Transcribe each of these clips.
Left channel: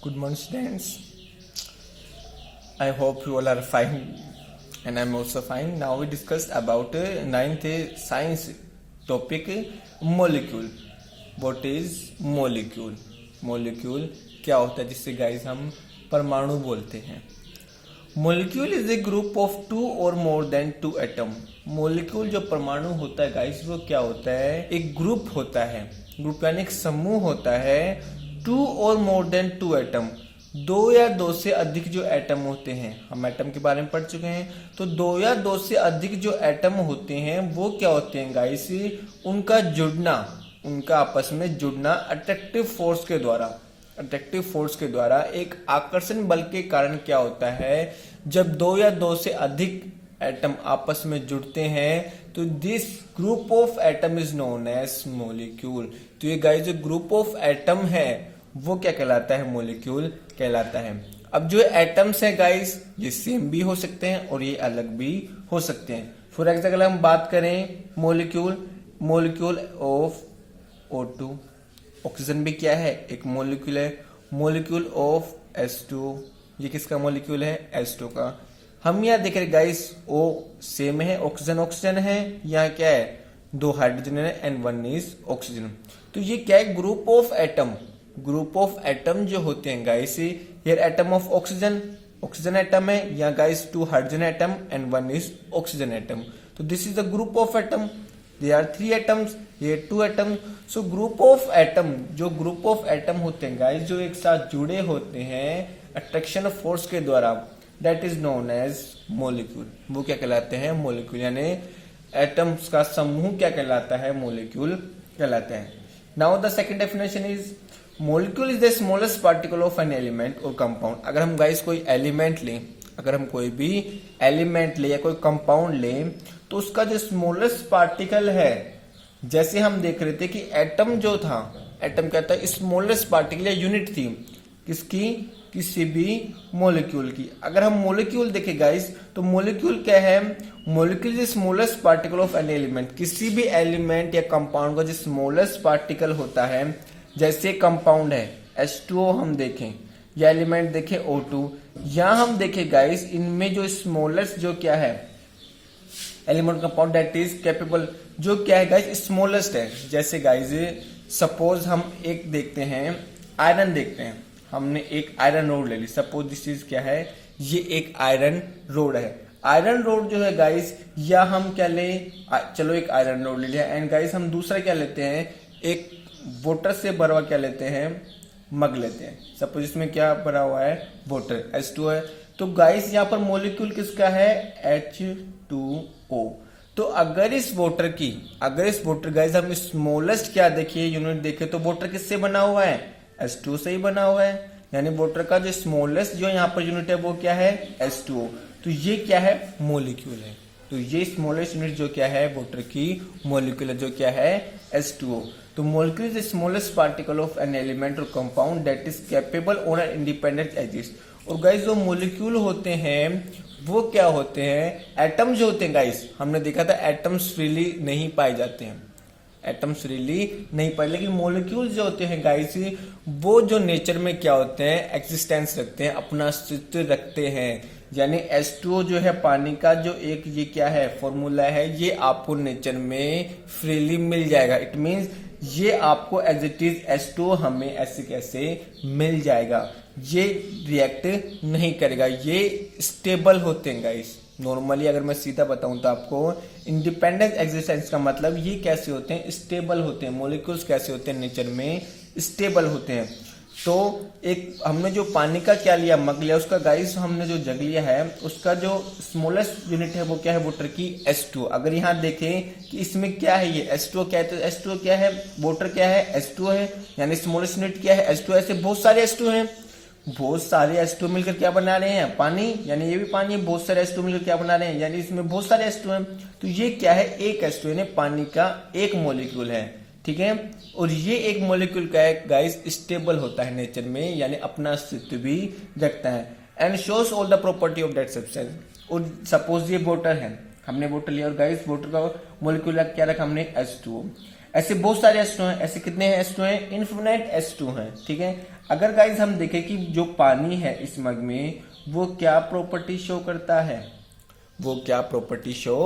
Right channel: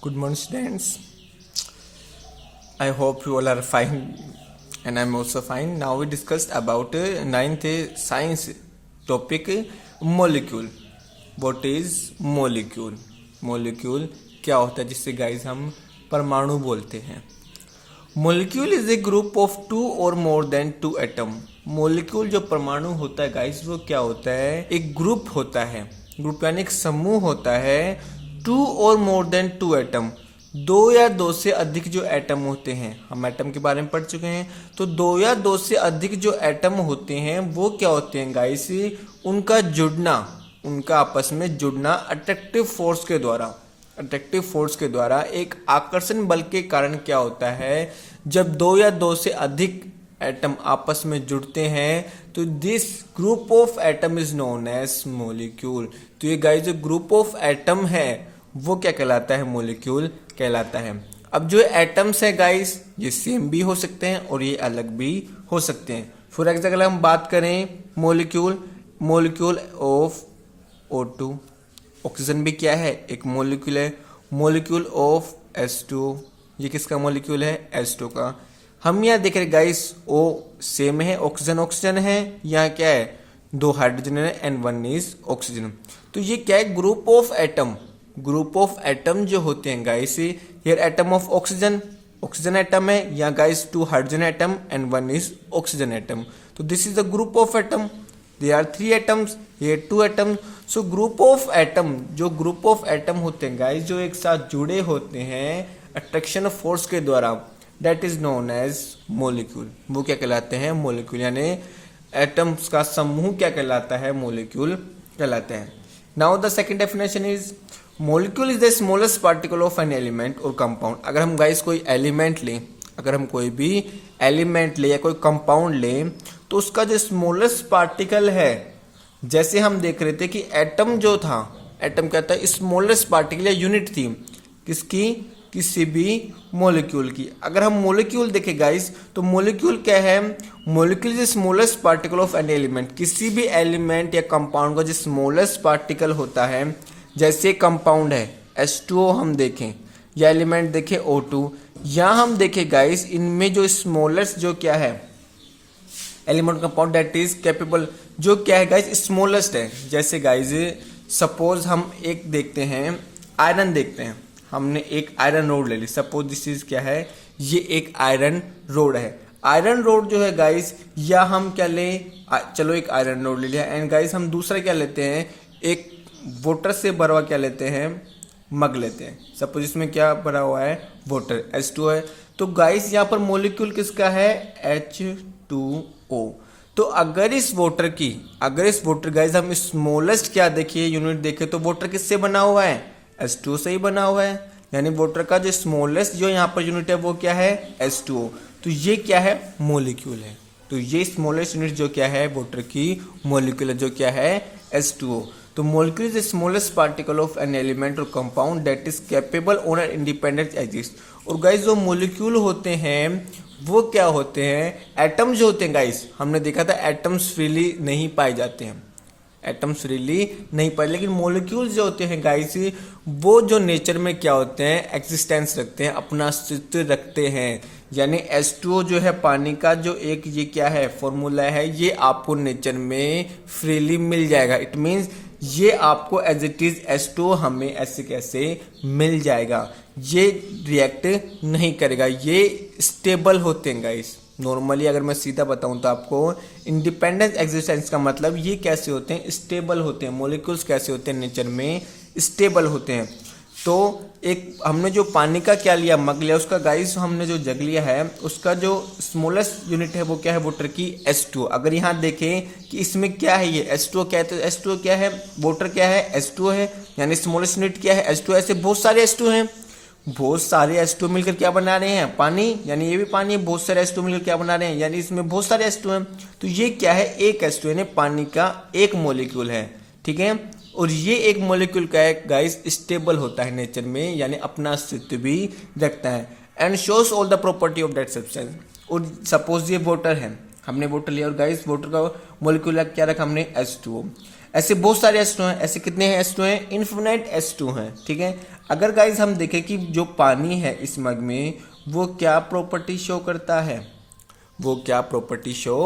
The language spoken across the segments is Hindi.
Good morning, students. I hope you all are fine, and I'm also fine. Now we discussed about ninth science topic molecule. What is molecule? Molecule क्या होता है जिससे गाइस हम परमाणु बोलते हैं. Molecule is a group of two or more than two atom. Molecule जो परमाणु होता है गाइस वो क्या होता है, एक ग्रुप होता है. ग्रुप यानी एक समूह होता है. To or more than two atom, दो या दो से अधिक जो एटम होते हैं, हम एटम के बारे में पढ़ चुके हैं. तो दो या दो से अधिक जो एटम होते हैं वो क्या होते हैं गाइस, उनका जुड़ना, उनका आपस में जुड़ना अट्रैक्टिव फोर्स के द्वारा एक आकर्षण बल के कारण क्या होता है. जब दो या दो से अधिक एटम आपस में जुड़ते हैं तो this group of atom is known as molecule. तो ये गाइस जो ग्रुप ऑफ एटम है वो क्या कहलाता है, मोलिक्यूल कहलाता है. अब जो एटम्स है गाइस ये सेम भी हो सकते हैं और ये अलग भी हो सकते हैं. फॉर एग्जाम्पल हम बात करें मोलिक्यूल ऑफ O2, ऑक्सीजन भी क्या है, एक मोलिक्यूल है. मोलिक्यूल ऑफ H2, ये किसका मोलिक्यूल है, H2 का. हम यहाँ देख रहे गाइस O सेम है, ऑक्सीजन है, यहाँ क्या है, दो हाइड्रोजन है एंड वन इज ऑक्सीजन. तो ये क्या है, ग्रुप ऑफ एटम जो होते हैं guys, here atom of oxygen atom है, यहाँ guys two hydrogen atom and one is oxygen atom. तो this is the group of atom. There are three atoms, here two atoms. So group of atom होते हैं guys जो एक साथ जुड़े होते हैं अट्रैक्शन फोर्स के द्वारा, that is known as molecule. वो क्या कहलाते हैं, मोलिक्यूल. यानी एटम्स का समूह क्या कहलाता है, मोलिक्यूल कहलाते हैं. Now the second definition is molecule is the smallest particle of an element or compound. अगर हम guys कोई एलिमेंट लें, अगर हम कोई भी एलिमेंट ले या कोई कंपाउंड लें तो उसका जो स्मॉलेस्ट पार्टिकल है, जैसे हम देख रहे थे कि एटम जो था, एटम क्या था, स्मॉलेस्ट पार्टिकल या यूनिट थी किसकी, किसी भी मॉलिक्यूल की. अगर हम मॉलिक्यूल देखें गाइस तो मॉलिक्यूल क्या है, molecule is smallest particle of an element. किसी भी एलिमेंट या कंपाउंड का जो स्मॉलेस्ट पार्टिकल होता है, जैसे कंपाउंड है H2O हम देखें या एलिमेंट देखें O2, यहाँ हम देखें गाइस इनमें जो स्मॉलेस्ट जो क्या है element compound that is capable, जो क्या है गाइस स्मॉलेस्ट है. जैसे गाइस सपोज हम एक देखते हैं, आयरन देखते हैं, हमने एक आयरन रोड ले ली. सपोज दिस इज क्या है, ये एक आयरन रोड है. आयरन रोड जो है गाइस, या हम क्या ले, चलो एक आयरन रोड ले लिया एंड गाइस हम दूसरा क्या लेते हैं, एक वाटर से भरा हुआ क्या लेते हैं, मग लेते हैं. सपोज इसमें क्या भरा हुआ है, वाटर, H2 है. तो गाइस यहाँ पर मॉलिक्यूल किसका है, H2O. तो अगर इस वाटर गाइस हम स्मॉलेस्ट क्या देखिए यूनिट देखे तो वाटर किससे बना हुआ है, H2O से ही बना हुआ है. यानी वाटर का जो स्मॉलेस्ट जो यहाँ पर यूनिट है वो क्या है, H2O. तो ये क्या है, मोलिक्यूल है. तो ये स्मॉलेस्ट यूनिट जो क्या है वाटर की मोलिक्यूल जो क्या है, H2O. तो molecule is the smallest particle of an element or compound that is capable on an independent exist. और गाइस जो मोलिक्यूल होते हैं वो क्या होते हैं, एटम्स जो होते हैं गाइस, हमने देखा था एटम्स फ्रीली नहीं पाए जाते हैं, लेकिन मोलिक्यूल्स जो होते हैं गाइस वो जो नेचर में क्या होते हैं, एक्सिस्टेंस रखते हैं, अपना अस्तित्व रखते हैं. यानी H2O जो है पानी का जो एक ये क्या है फॉर्मूला है, ये आपको नेचर में फ्रीली मिल जाएगा. इट मीन्स ये आपको एज इट इज H2O हमें ऐसे कैसे मिल जाएगा, ये रिएक्ट नहीं करेगा, ये स्टेबल होते हैं गाइस. नॉर्मली अगर मैं सीधा बताऊं तो आपको इंडिपेंडेंट एग्जिस्टेंस का मतलब ये कैसे होते हैं, स्टेबल होते हैं. मॉलिक्यूल्स कैसे होते हैं, नेचर में स्टेबल होते हैं. तो एक हमने जो पानी का क्या लिया, मग लिया, उसका गाइस हमने जो जग लिया है उसका जो स्मॉलेस्ट यूनिट है वो क्या है, वाटर की H2O. अगर यहाँ देखें कि इसमें क्या है, ये H2O क्या है, तो H2O क्या है, वाटर क्या है, H2O है. यानी स्मॉलेस्ट यूनिट क्या है, H2O. ऐसे बहुत सारे H2O हैं, बहुत सारे H2O मिलकर क्या बना रहे हैं, पानी. यानी ये भी पानी है, बहुत सारे H2O मिलकर क्या बना रहे हैं, यानी इसमें बहुत सारे H2O हैं. तो ये क्या है, एक H2O यानी पानी का एक मॉलिक्यूल है. ठीक है. और ये एक मॉलिक्यूल का है गाइस स्टेबल होता है नेचर में, यानी अपना अस्तित्व भी रखता है. And shows all the property of that substance. और सपोज ये वाटर है, हमने वाटर लिया और गाइस वाटर का मॉलिक्यूल क्या रखा हमने, H2O. ऐसे बहुत सारे H2 हैं। ऐसे कितने हैं H2 हैं? इन्फिनाइट H2 हैं, ठीक है। अगर गाइज हम देखें कि जो पानी है इस मग में वो क्या प्रॉपर्टी शो करता है, वो क्या प्रॉपर्टी शो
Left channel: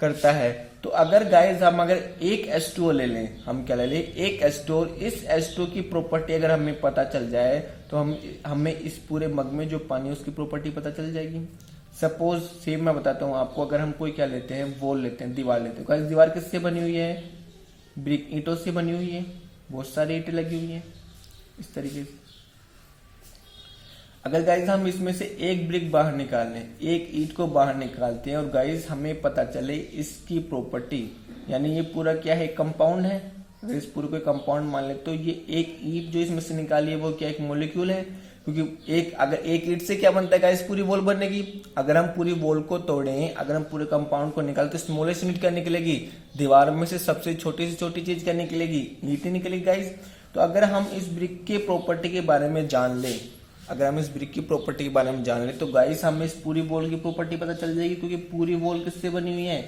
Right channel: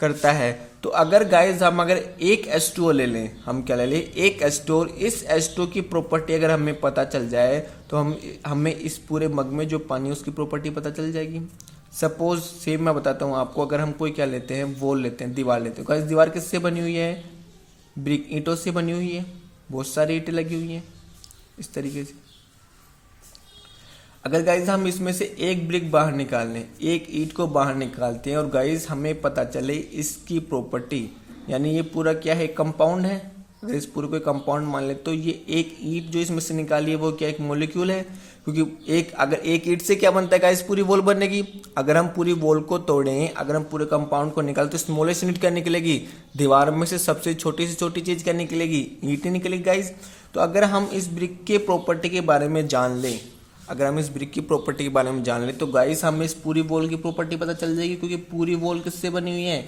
करता है, तो अगर गाइज हम अगर एक H2O ले लें, हम क्या ले लें, एक H2O, इस H2O की प्रॉपर्टी अगर हमें पता चल जाए तो हमें इस पूरे मग में जो पानी है उसकी प्रॉपर्टी पता चल जाएगी। सपोज सेम मैं बताता हूँ आपको, अगर हम कोई क्या लेते हैं, वॉल लेते हैं, दीवार लेते हैं। गाइज दीवार किससे बनी हुई है? ब्रिक, ईंटों से बनी हुई है, बहुत सारी ईंटें लगी हुई हैं इस तरीके से। अगर गाइज हम इसमें से एक ब्रिक बाहर निकाल लें, एक ईंट को बाहर निकालते हैं और गाइज हमें पता चले इसकी प्रॉपर्टी, यानी ये पूरा क्या है, कंपाउंड है। अगर इस पूरे को कंपाउंड मान ले तो ये एक ईंट जो इसमें से निकाली है वो क्या एक मॉलिक्यूल है, क्योंकि अगर एक ईंट से क्या बनता है गाइज, पूरी वॉल बनेगी। अगर हम पूरी वॉल को तोड़ें, अगर हम पूरे कंपाउंड को निकालें तो स्मॉलेस्ट यूनिट क्या निकलेगी, दीवार में से सबसे छोटी से छोटी चीज क्या निकलेगी, ईंट ही निकलेगी गाइज। तो अगर हम इस ब्रिक के प्रॉपर्टी के बारे में जान ले, अगर हम इस ब्रिक की प्रॉपर्टी के बारे में जान ले तो गाइस हमें इस पूरी वॉल की प्रॉपर्टी पता चल जाएगी, क्योंकि पूरी वॉल किससे बनी हुई है,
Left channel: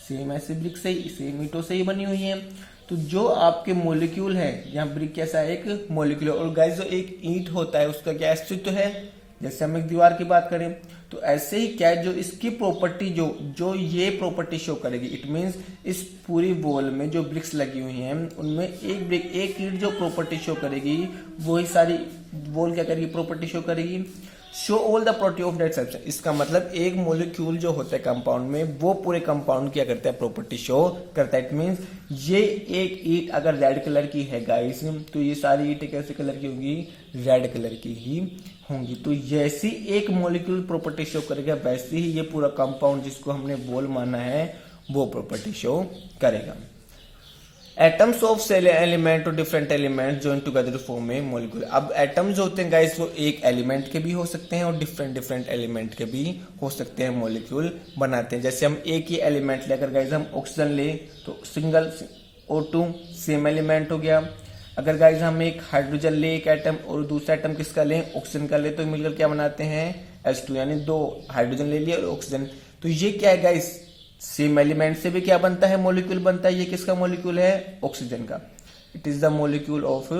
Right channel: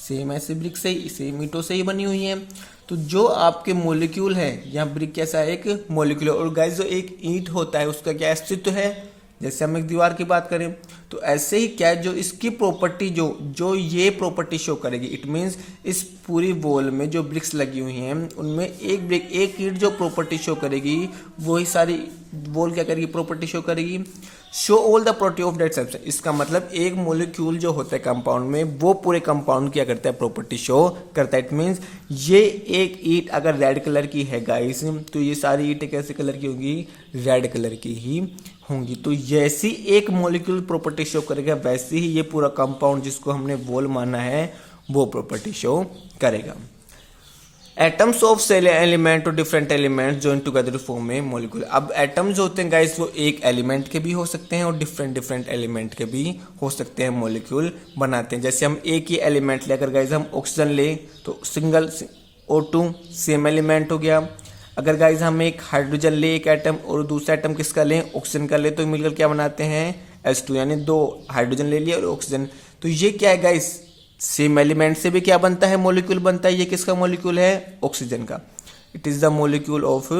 सेम ऐसे ब्रिक से ही, सेम ईंटों से ही बनी हुई है। तो जो आपके मॉलिक्यूल है, यहाँ ब्रिक कैसा है, एक मॉलिक्यूल है। और गाइस जो एक ईंट होता है उसका क्या अस्तित्व है, जैसे हम एक दीवार की बात करें तो ऐसे ही क्या है, जो इसकी प्रॉपर्टी जो ये प्रॉपर्टी शो करेगी, इट मींस इस पूरी वॉल में जो ब्रिक्स लगी हुई हैं उनमें एक ब्रिक, एक ईंट जो प्रॉपर्टी शो करेगी वही सारी वॉल क्या करेगी, प्रॉपर्टी शो करेगी। Show all the property of that substance, इसका मतलब एक मॉलिक्यूल जो होता है कंपाउंड में वो पूरे कंपाउंड क्या करता है, प्रॉपर्टी शो करता है। इट मींस ये एक ईंट अगर रेड कलर की है गाइस तो ये सारी ईंटें कैसे कलर की होंगी, रेड कलर की ही होंगी। तो जैसी एक मॉलिक्यूल प्रॉपर्टी शो करेगा वैसे ही ये पूरा कंपाउंड जिसको हमने वॉल माना है वो प्रॉपर्टी शो करेगा। Atoms of cell element or different element join together form a molecule. अब एटम्स जो होते हैं गाइस वो एक एलिमेंट के भी हो सकते हैं और डिफरेंट एलिमेंट के भी हो सकते हैं, मॉलिक्यूल बनाते हैं। जैसे हम एक ही एलिमेंट लेकर गाइस हम ऑक्सीजन ले तो सिंगल O2 सेम एलिमेंट हो गया। अगर गाइस हम एक हाइड्रोजन ले एक एटम और दूसरा एटम किसका लें, ऑक्सीजन का ले, तो मिलकर क्या बनाते हैं H2, यानी दो हाइड्रोजन ले लिया और ऑक्सीजन। तो ये क्या है गाइस, सेम एलिमेंट से भी क्या बनता है, मॉलिक्यूल बनता है। ये किसका मॉलिक्यूल है, ऑक्सीजन का। It is the molecule of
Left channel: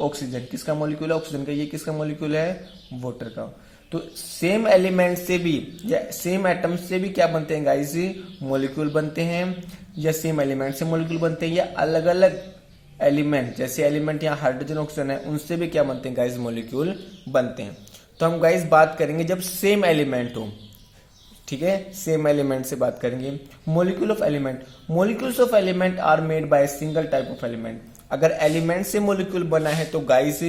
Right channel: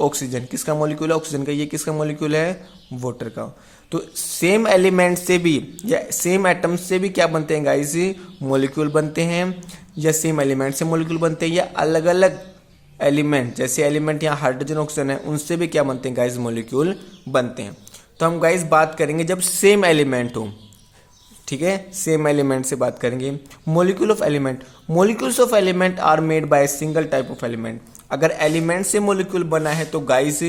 oxygen. किसका मॉलिक्यूल है, ऑक्सीजन का। ये किसका मॉलिक्यूल है, वाटर का। तो सेम एलिमेंट से भी या सेम एटम से भी क्या बनते हैं गाइस, मॉलिक्यूल बनते हैं, या सेम एलिमेंट से मॉलिक्यूल बनते हैं, या अलग अलग एलिमेंट, जैसे एलिमेंट यहाँ हाइड्रोजन ऑक्सीजन है उनसे भी क्या बनते हैं गाइस, मॉलिक्यूल बनते हैं। तो हम गाइस बात करेंगे जब सेम एलिमेंट हो, ठीक है, सेम एलिमेंट से बात करेंगे। Molecule of element, molecules of element are made by single type of element. अगर एलिमेंट से मॉलिक्यूल बना है तो गाइस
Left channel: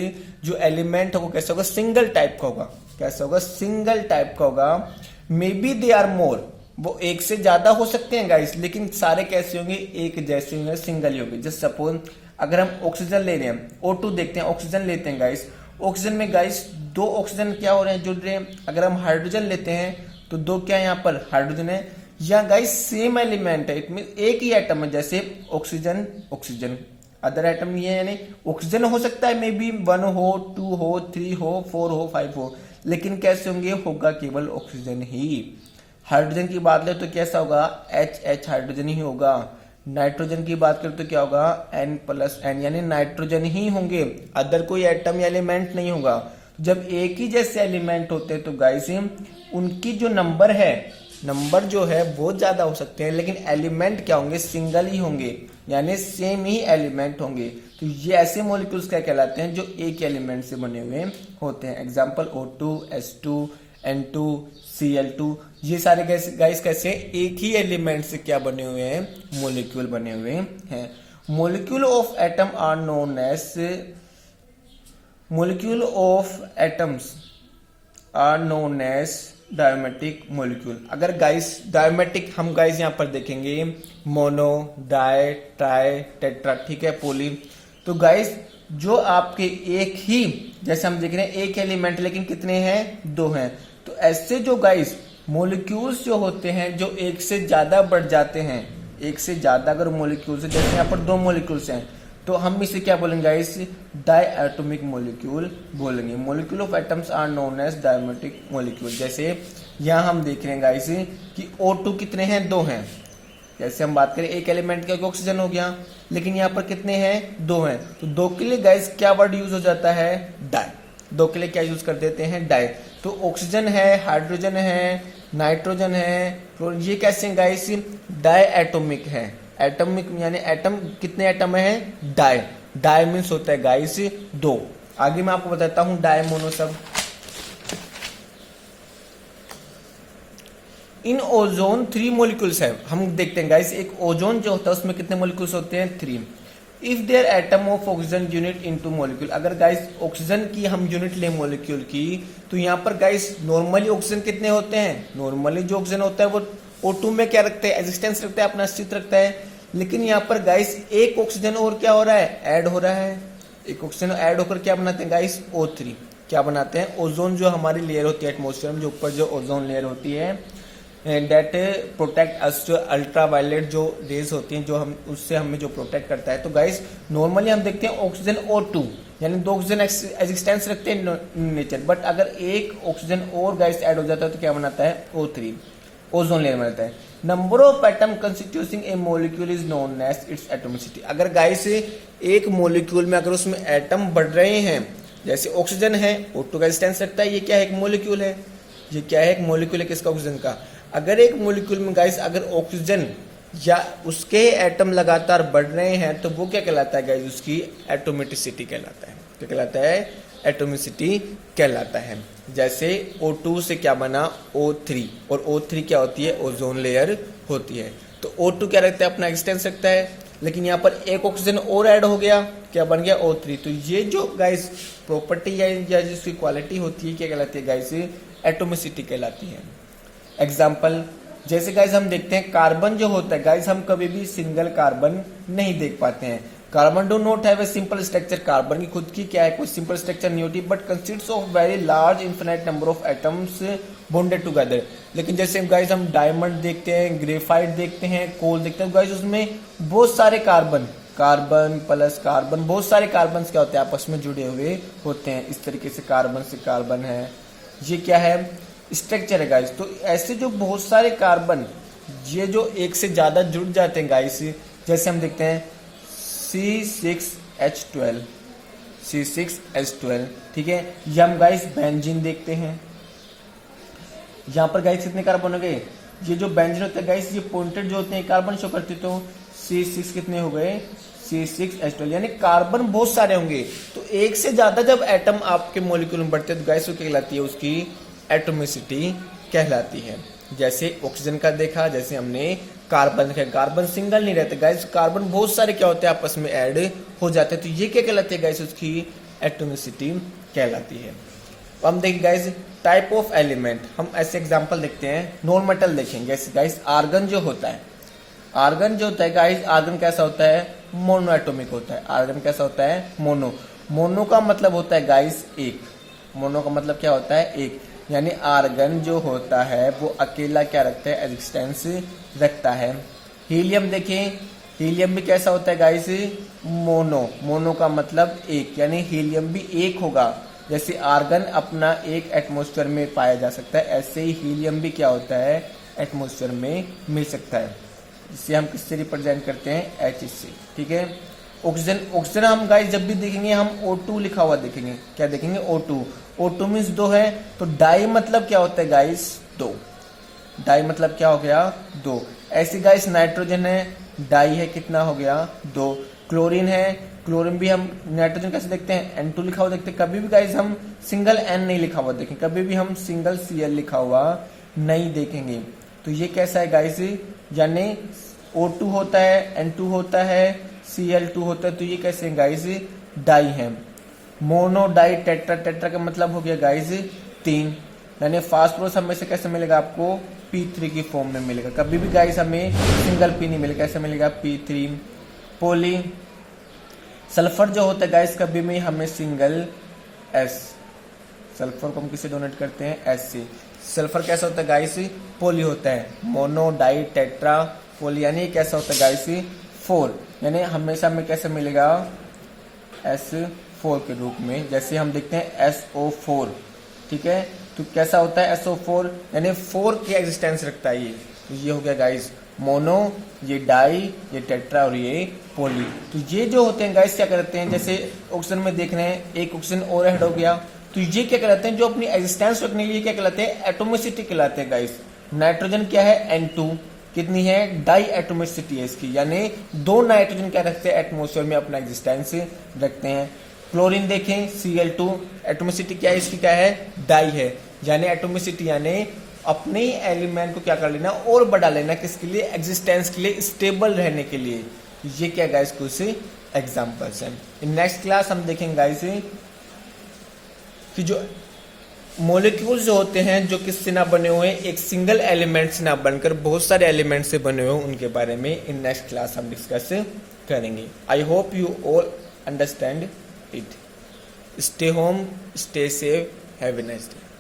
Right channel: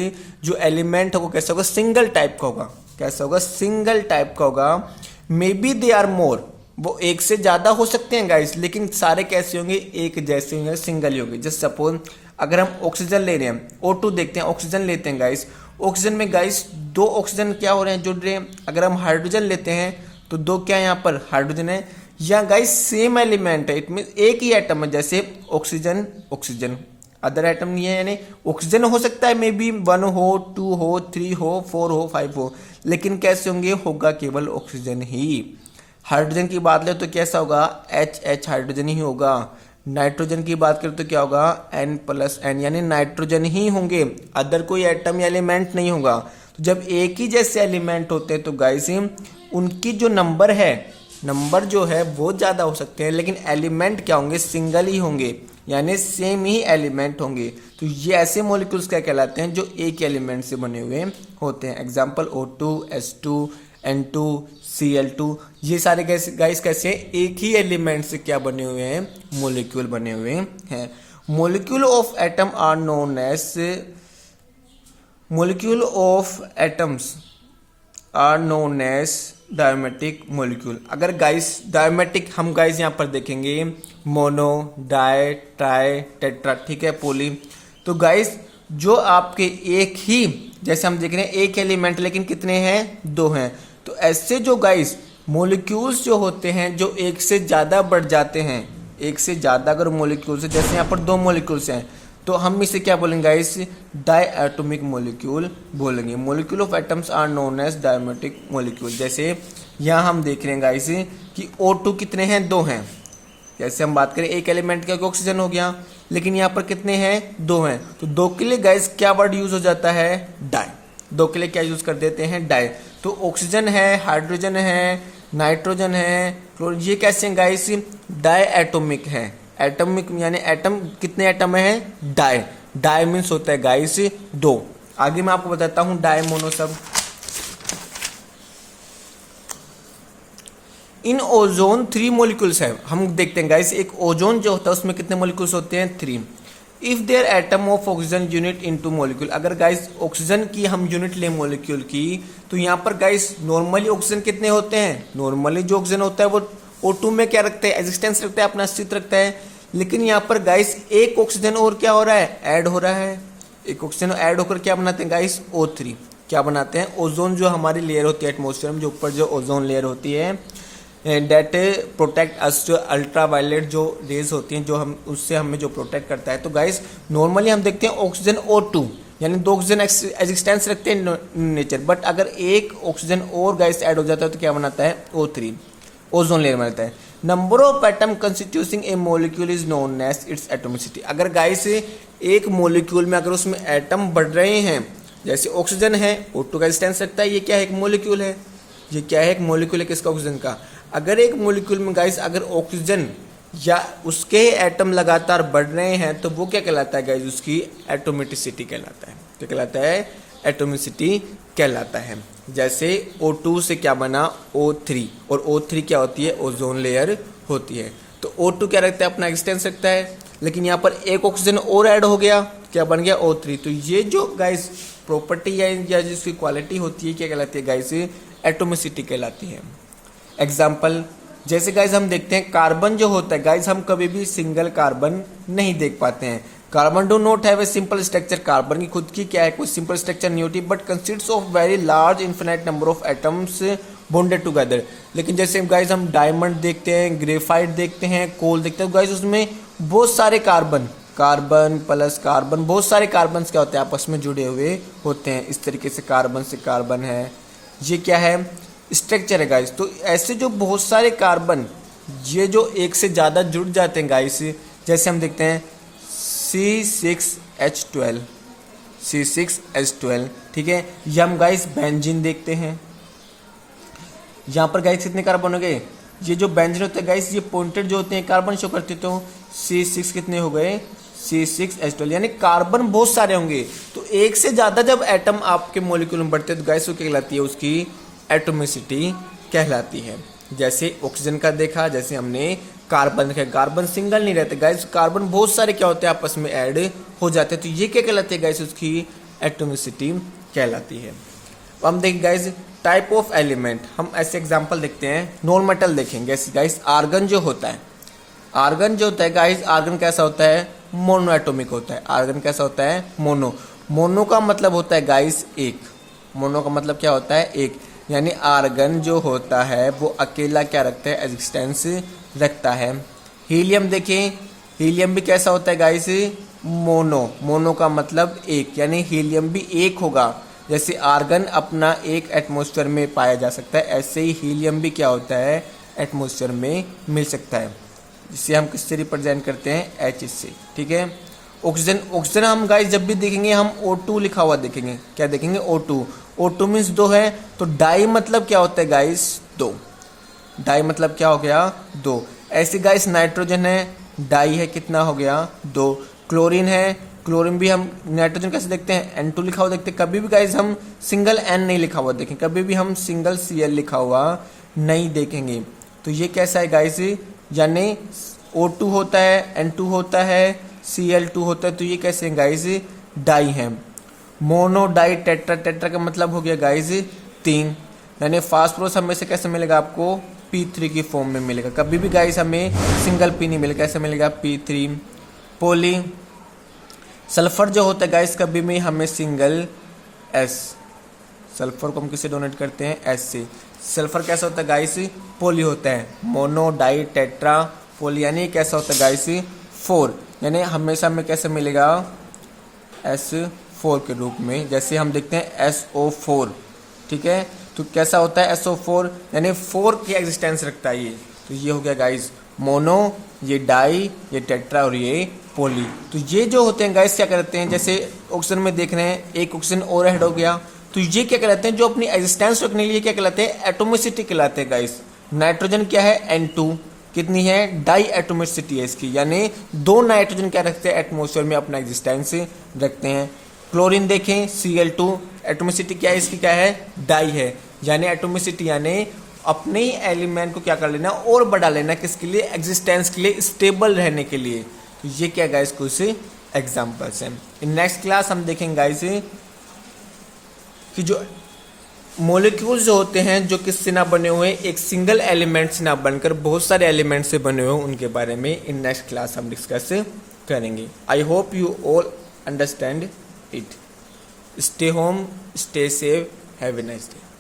जो एलिमेंट होगा कैसा होगा, सिंगल टाइप का होगा। कैसा होगा, सिंगल टाइप का होगा। May be they are more, वो एक से ज्यादा हो सकते हैं गाइस, लेकिन सारे कैसे होंगे, एक जैसे होंगे, सिंगल ही होंगे। जस्ट सपोज अगर हम ऑक्सीजन ले रहे हैं, O2 देखते हैं, ऑक्सीजन लेते हैं गाइस, ऑक्सीजन में गाइस दो ऑक्सीजन क्या हो रहे हैं, जुड़ रहे हैं। अगर हम हाइड्रोजन लेते हैं तो दो क्या यहाँ पर हाइड्रोजन है, या गाइस सेम एलिमेंट है, इट मीन एक ही एटम है, जैसे ऑक्सीजन ऑक्सीजन, अदर एटम नहीं है, यानी ऑक्सीजन हो सकता है मे बी 1 हो, 2 हो, 3 हो, 4 हो, 5 हो, लेकिन कैसे होंगे, होगा केवल ऑक्सीजन ही। हाइड्रोजन की बात ले तो कैसा होगा, H हाइड्रोजन ही होगा। नाइट्रोजन की बात करें तो क्या होगा, N+N, यानी नाइट्रोजन ही होंगे, अदर कोई एटम या एलिमेंट नहीं होगा। तो जब एक ही जैसे एलिमेंट होते हैं तो गाइस उनकी जो नंबर जो है वो ज्यादा हो सकते हैं, लेकिन एलिमेंट क्या होंगे, सिंगल ही होंगे, यानी सेम ही एलिमेंट होंगे। तो ये ऐसे मॉलिक्यूल्स क्या कहलाते हैं जो एक एलिमेंट से बने हुए होते हैं। Example O2, H2, N2, Cl2, ये सारे गाइस कैसे एक ही एलिमेंट से क्या बने हुए हैं, मॉलिक्यूल बने हुए हैं। Molecule of atom are known as molecule of atoms are known as diatomic molecule. अगर गाइस डायमेटिक हम गाइस यहाँ पर देखेंगे, मोनो, डाई, ट्राई, टेट्रा, ठीक है, पोली। तो गाइस जो आपके एक ही, जैसे हम देख रहे हैं एक एलिमेंट लेकिन कितने हैं, दो हैं। तो ऐसे जो गाइस मॉलिक्यूल्स जो होते हैं जो एक से ज्यादा बढ़ जाते हैं, एक से ज्यादा अगर मॉलिक्यूल्स, जैसे यहाँ पर दो मॉलिक्यूल्स हैं तो हम इसे क्या बोलेंगे गाइस, डायटोमिक मॉलिक्यूल बोलेंगे। Molecule of atoms are known as diatomic molecule. जैसे यहाँ हम देख रहे हैं गाइस कि O2 कितने हैं, दो हैं, जैसे हम बात करें एक एलिमेंट का ऑक्सीजन हो गया, लेकिन यहाँ पर कितने हैं, 2 हैं, तो 2 के लिए गाइस क्या वर्ड यूज हो जाता है, डाई। 2 के लिए क्या यूज कर देते हैं, डाई। तो ऑक्सीजन है, हाइड्रोजन है, नाइट्रोजन है, क्लोरीन, ये कैसे हैं गाइस, डाई एटोमिक है। एटॉमिक यानी एटम, कितने एटम है, डाई। डाई मीन्स होता है गाइस 2। आगे मैं आपको बताता हूं डाई मोनो सब। इन ओजोन 3 मॉलिक्यूल्स है। हम देखते हैं गाइस एक ओजोन जो होता है उसमें कितने मॉलिक्यूल्स होते हैं, 3। If there atom of oxygen unit into molecule, अगर गाइस ऑक्सीजन की हम यूनिट ले मॉलिक्यूल की, तो यहाँ पर गाइस नॉर्मली ऑक्सीजन कितने होते हैं, नॉर्मली जो ऑक्सीजन होता है वो O2 में क्या रखते हैं, एग्जिस्टेंस रखता है, अपना अस्तित्व रखता है। लेकिन यहाँ पर गाइस एक ऑक्सीजन और क्या हो रहा है, ऐड हो रहा है। एक ऑक्सीजन ऐड होकर क्या बनाते हैं गाइस, O3। क्या बनाते हैं, ओजोन जो हमारी लेयर होती है एटमोस्फेयर में, जो ऊपर जो ओजोन लेयर होती है, डेट प्रोटेक्ट अस, अल्ट्रावायलेट जो रेज होती हैं जो हम उससे हमें जो प्रोटेक्ट करता है। तो गाइस नॉर्मली हम देखते हैं ऑक्सीजन O2 यानी 2 ऑक्सीजन एग्जिस्टेंस रखते हैं नेचर, बट अगर एक ऑक्सीजन और गाइस ऐड हो जाता है तो क्या बनाता है, O3, ओजोन लेयर बनाता है। Number of atom constituting a molecule is known as its atomicity. अगर गाइस एक मॉलिक्यूल में अगर उसमें एटम बढ़ रहे हैं, जैसे ऑक्सीजन है, O2 का एग्जिस्टेंस रखता है, ये क्या है, एक मॉलिक्यूल है। ये क्या है, एक मॉलिक्यूल है, किसका, ऑक्सीजन का। अगर एक मॉलिक्यूल में गाइस अगर ऑक्सीजन या उसके एटम लगातार बढ़ रहे हैं तो वो क्या कहलाता है गाइस, उसकी एटोमिसिटी कहलाता है। क्या कहलाता है, एटोमिसिटी कहलाता है। जैसे O2 से क्या बना, O3, और O3 क्या होती है, ओजोन लेयर होती है। तो O2 क्या रखता है, अपना एक्सटेंस रखता है, लेकिन यहाँ पर एक ऑक्सीजन और ऐड हो गया, क्या बन गया, O3। तो ये जो गाइस प्रॉपर्टी या जिसकी क्वालिटी होती है क्या कहलाती है गाइस, एटोमिसिटी कहलाती है। एग्जाम्पल, जैसे गाइस हम देखते हैं कार्बन जो होता है गाइस, हम कभी भी सिंगल कार्बन नहीं देख पाते हैं। Carbon do not have a simple structure, carbon की खुद की क्या है, कोई सिंपल स्ट्रक्चर नहीं होती, but consists of very large infinite number of atoms bonded together. लेकिन जैसे गाइस हम डायमंड देखते हैं, ग्रेफाइट देखते हैं, कोल देखते हैं, गाइस उसमें बहुत सारे कार्बन, कार्बन प्लस कार्बन, बहुत सारे कार्बन क्या होते हैं, आपस में जुड़े हुए होते हैं। इस तरीके से कार्बन से कार्बन है, ये क्या है, स्ट्रक्चर है गाइस। तो ऐसे जो बहुत सारे कार्बन, ये जो एक से ज्यादा जुड़ जाते हैं गाइस, जैसे हम देखते हैं C6H12, C6H12, ठीक है। ये हम गाइस बेंजीन देखते हैं, यहाँ पर गाइस कितने कार्बन हो गए, ये जो बेंजीन होते हैं गाइस, ये पॉइंटेड जो होते हैं कार्बन शो करते, तो C6 कितने हो गए, C6H12, यानी कार्बन बहुत सारे होंगे। तो एक से ज्यादा जब एटम आपके मॉलिक्यूल में बढ़ते हैं तो गाइस वो क्या कहलाती है, उसकी एटोमिसिटी कहलाती है। जैसे ऑक्सीजन का देखा, जैसे हमने कार्बन देखा, कार्बन सिंगल नहीं रहते गाइस, कार्बन बहुत सारे क्या होते हैं, आपस में ऐड हो जाते हैं। तो ये क्या कहलाती है गाइस, उसकी एटोमिसिटी कहलाती है। तो हम देखें गाइस टाइप ऑफ एलिमेंट, हम ऐसे एग्जांपल देखते हैं, नॉन मेटल देखेंगे। जैसे गाइस आर्गन जो होता है, आर्गन जो होता है गाइस, आर्गन कैसा होता है, मोनो एटोमिक होता है। आर्गन कैसा होता है, मोनो। मोनो का मतलब होता है गाइस एक, मोनो का मतलब क्या होता है, एक, यानी आर्गन जो होता है वो अकेला क्या रखता है, एग्जिस्टेंस रखता है। हीलियम देखें, हीलियम भी कैसा होता है गाइस, मोनो। मोनो का मतलब एक, यानी हीलियम भी एक होगा। जैसे आर्गन अपना एक एटमॉस्फेयर में पाया जा सकता है, ऐसे ही हीलियम भी क्या होता है, एटमॉस्फेयर में मिल सकता है, जिसे हम किससे रिप्रेजेंट करते हैं, H से, ठीक है। ऑक्सीजन, ऑक्सीजन हम गाइस जब भी देखेंगे हम O2 लिखा हुआ देखेंगे, क्या देखेंगे, O2। O2 मीन्स 2 है, तो डाई मतलब क्या होता है गाइस, 2। डाई मतलब क्या हो गया, 2। ऐसे गाइस नाइट्रोजन है, डाई है, कितना हो गया, 2। क्लोरीन है, क्लोरीन भी हम नाइट्रोजन कैसे देखते हैं, N2 लिखा हुआ देखते हैं। कभी भी गाइस हम सिंगल N नहीं लिखा हुआ देखें, कभी भी हम सिंगल Cl लिखा हुआ नहीं देखेंगे। तो ये कैसा है गाइस, यानी O2 होता है, N2 होता है, Cl2 होता है, तो ये कैसे है गाइस, डाई है। मोनो डाई टेट्रा, टेट्रा का मतलब हो गया गाइस 3, यानी फास्फोरस हमें से कैसे मिलेगा, आपको P3 की फॉर्म में मिलेगा। कभी भी गाइस हमें सिंगल P नहीं मिलेगा, कैसे मिलेगा, P3। पोली, सल्फर जो होता है गाइस कभी भी हमें सिंगल S, सल्फर को हम किससे डोनेट करते हैं, S से। सल्फर कैसा होता है गाइस, पोली होता है। मोनो डाई टेट्रा पोली, यानी कैसा होता है गाइस, 4, यानी हमेशा हमें कैसे मिलेगा, S4 के रूप में। जैसे हम देखते हैं SO4, ठीक है, तो कैसा होता है SO4, यानी 4 की एग्जिस्टेंस रखता है ये। तो ये हो गया गाइस मोनो, ये डाई, ये टेट्रा और ये पोली। तो ये जो होते हैं गाइस क्या करते हैं, जैसे ऑक्सीजन में देख रहे हैं एक ऑक्सीजन और ऐड हो गया, तो ये क्या कहलाते हैं, जो अपनी एग्जिस्टेंस रखने के लिए क्या कहलाते हैं, एटोमिसिटी कहलाते हैं गाइस। नाइट्रोजन क्या है N2, कितनी है, डाई एटोमिसिटी है इसकी, यानी 2 नाइट्रोजन क्या रखते हैं एटमोसफेयर में अपना एग्जिस्टेंस रखते हैं। क्लोरीन देखें Cl2, एटोमिसिटी क्या है इसकी, क्या है, डाई है, यानी एटोमिसिटी यानी अपने ही एलिमेंट को क्या कर लेना और बढ़ा लेना, किसके लिए, एग्जिस्टेंस के लिए, स्टेबल रहने के लिए। ये क्या गाइस कुछ एग्जांपल्स हैं। इन नेक्स्ट क्लास हम देखेंगे गाइस कि जो मॉलिक्यूल्स जो होते हैं जो किससे ना बने हुए, एक सिंगल एलिमेंट से ना बनकर बहुत सारे एलिमेंट से बने हुए, उनके बारे में इन नेक्स्ट क्लास हम डिस्कस करेंगे। I hope you all understand it. Stay home, stay safe, have a nice day.